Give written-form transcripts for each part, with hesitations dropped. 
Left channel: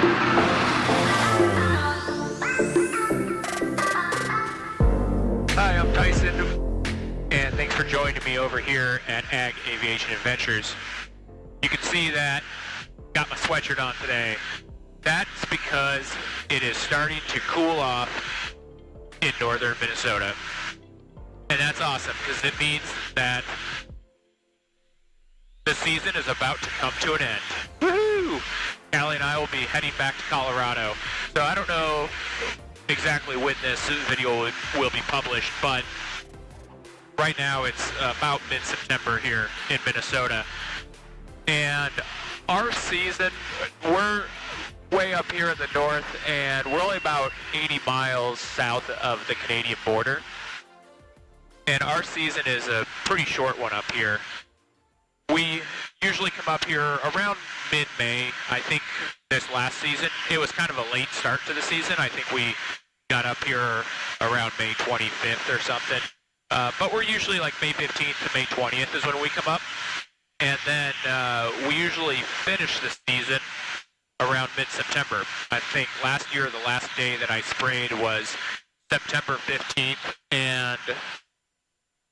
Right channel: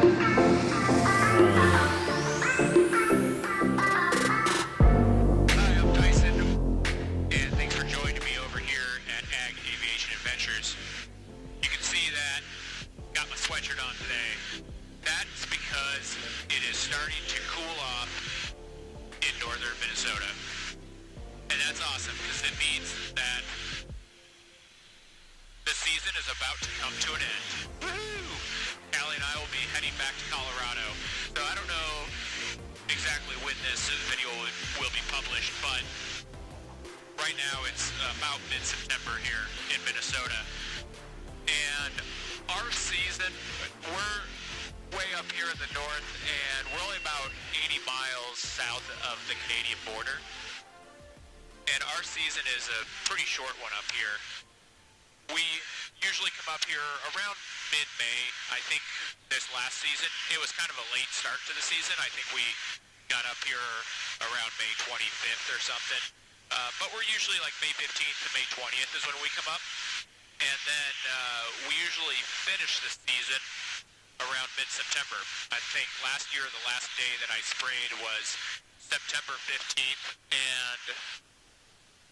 Hi, I'm Tyson, and thanks for joining me over here at Aviation Adventures. You can see that got my sweatshirt on today. That's because it is starting to cool off in northern Minnesota. And that's awesome because it means that the season is about to come to an end. Woohoo! Callie and I will be heading back to Colorado. So I don't know exactly when this video will be published, but right now it's about mid-September here in Minnesota. And our season, we're way up here in the north, and we're only about 80 miles south of the Canadian border. And our season is a pretty short one up here. We usually come up here around mid-May. I think this last season, it was kind of a late start to the season. I think we got up here around May 25th or something. But we're usually like May 15th to May 20th is when we come up. And then we usually finish the season around mid-September. I think last year the last day that I sprayed was September 15th, and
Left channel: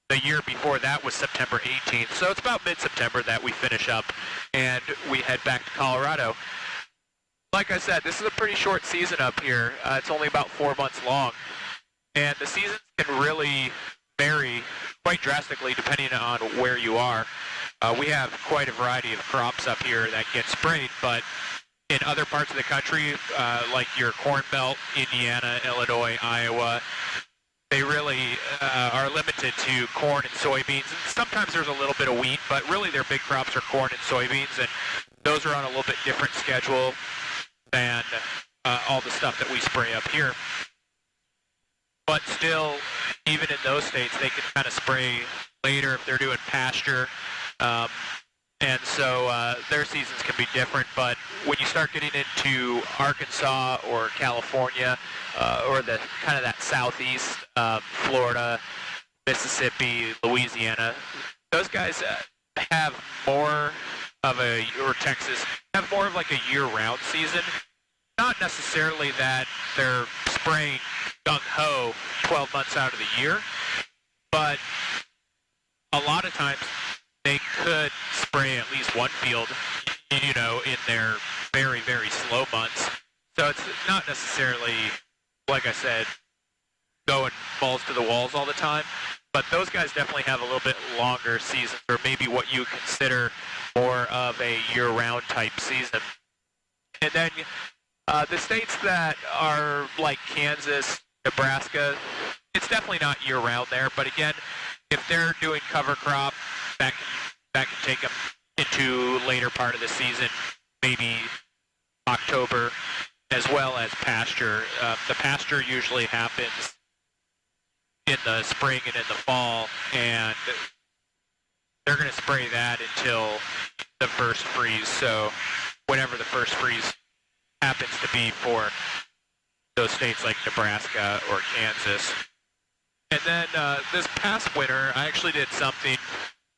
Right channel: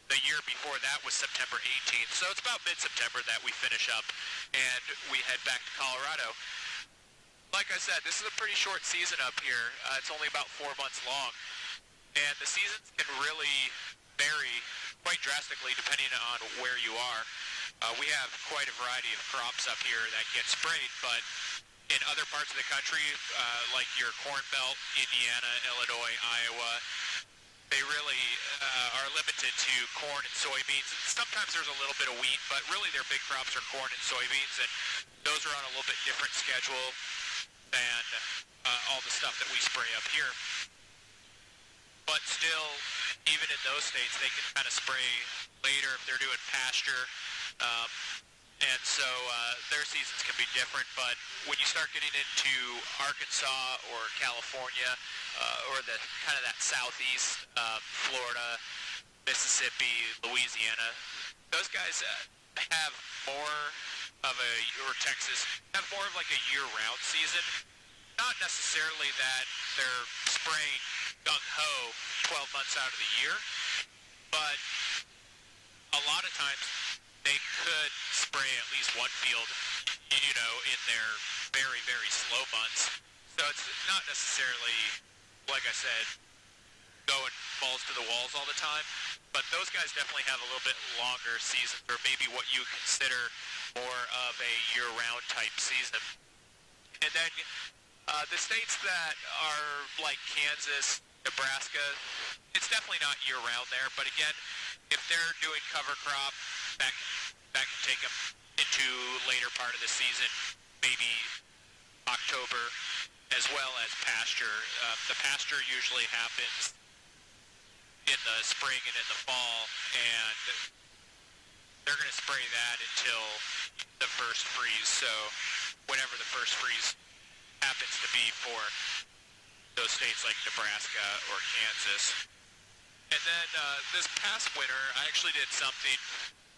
the year before that was September 18th. So it's about mid-September that we finish up and we head back to Colorado. Like I said, this is a pretty short season up here. It's only about 4 months long. And the seasons can really vary quite drastically depending on where you are. We have quite a variety of crops up here that get sprayed, but in other parts of the country, like your Corn Belt, Indiana, Illinois, Iowa, they really are limited to corn and soybeans. And sometimes there's a little bit of wheat, but really their big crops are corn and soybeans, and those are on a little bit different schedule than all the stuff that we spray up here. But still, even in those states, they can kind of spray later if they're doing pasture. And so their seasons can be different, but when you start getting into Arkansas or California or the kind of that southeast, Florida, Mississippi, Louisiana, those guys have more of a, or Texas, have more of like a year-round season. Not necessarily that they're spraying gung-ho 12 months out of the year, but a lot of times they could spray at least one field, you know, in their very, very slow months. So it's not necessarily, like I said, going balls to the walls all the time. But those guys definitely have a little bit longer seasons, or maybe what you consider more of a year-round type season. And then the states that are like Kansas, Nebraska, it's definitely not year-round there. But again, if they're doing cover crop, that can take them into later part of the season, maybe October, as well as pasture. The pasture usually happens in the spring and in the fall, and they're going to spray that until the first freeze. So whenever the first freeze happens to be for those states like Nebraska or Kansas. And then this past winter, I actually did something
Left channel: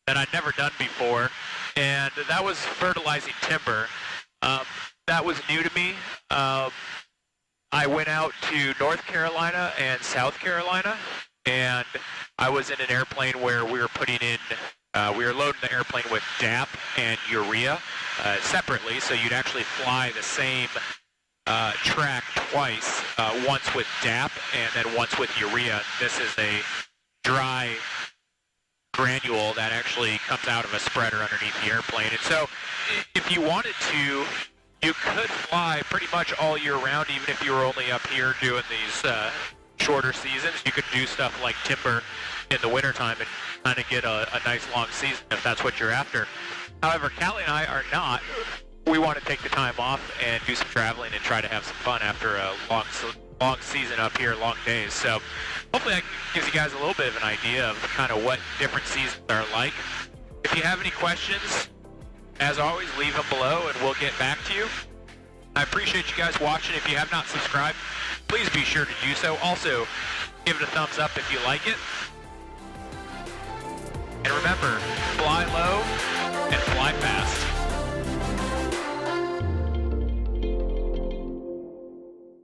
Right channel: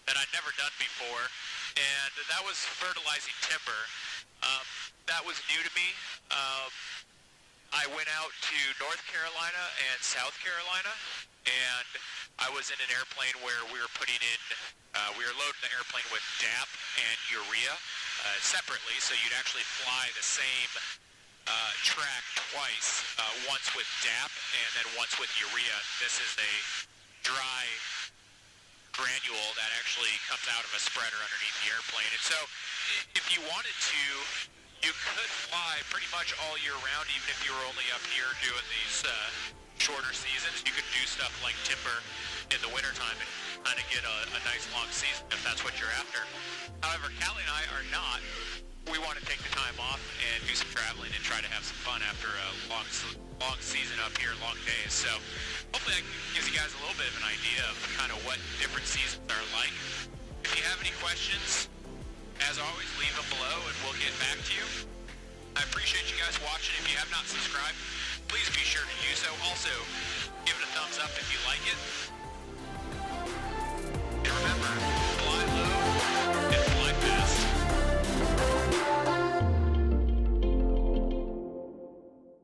that I'd never done before, and that was fertilizing timber. That was new to me. I went out to North Carolina and South Carolina, and I was in an airplane where we were putting in, we were loading the airplane with DAP and urea separately, so you'd actually fly the same track twice, once with DAP and then once with urea. This is a dry granule that actually comes out of a spreader underneath the airplane. And so if you wanted to, you could fly pretty much all year round, even if you were only up here doing these shorter seasons. You could do stuff like timber in the wintertime and kind of get a nice long season if that's what you're after. However, Callie and I are not. We want to take the time off and do some traveling and try to have some fun after a long season up here, long days. So hopefully that gives you guys a little bit of an idea of kind of what different seasons are like. If you have any questions, as always, leave them below and we'll get back to you. I appreciate you guys watching. If you have not subscribed, please be sure to do so. Also, give it a thumbs up if you like it. And remember,